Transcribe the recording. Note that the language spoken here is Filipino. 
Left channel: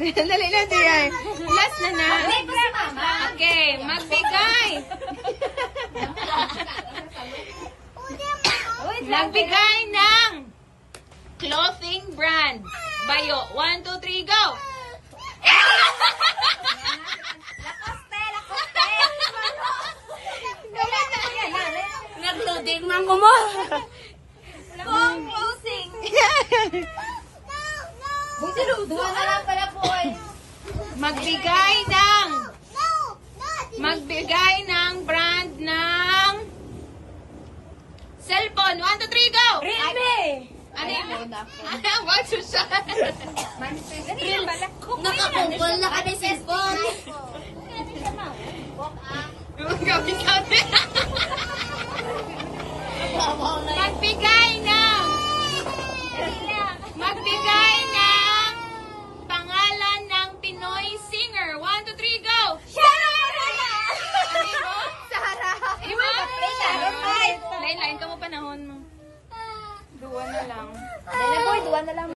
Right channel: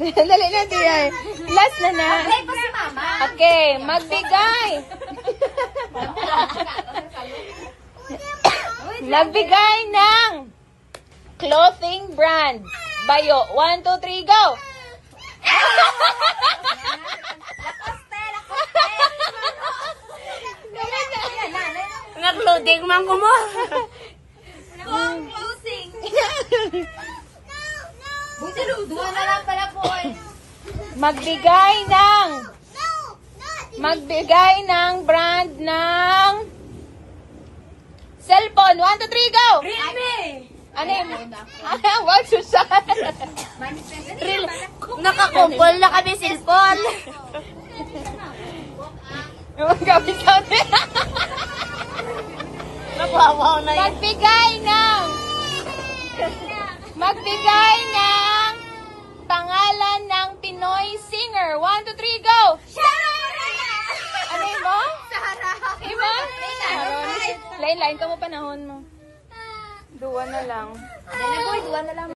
Dali na, Diay. Last na na. Ay, pa si Mama. Okay, magbigay. Magbigay ng clothing brand. Bayo. 1, 2, 3, go! Nag-loading man ko mo. Closing. Buti duwa na lang pala po eh. Magbigay ng brand ng cellphone. 1, 2, 3, go! Realme. Ano yun? Wag susan. Nakakumpol na kami cellphone. Gawin kami. Magbigay ng pangalan ng Pinoy singer. 1, 2, 3, go! Ano yun mo? Ima? Lain-lain ka mo panahon mo. Duwa na lang. Dala boy, duwa na lang.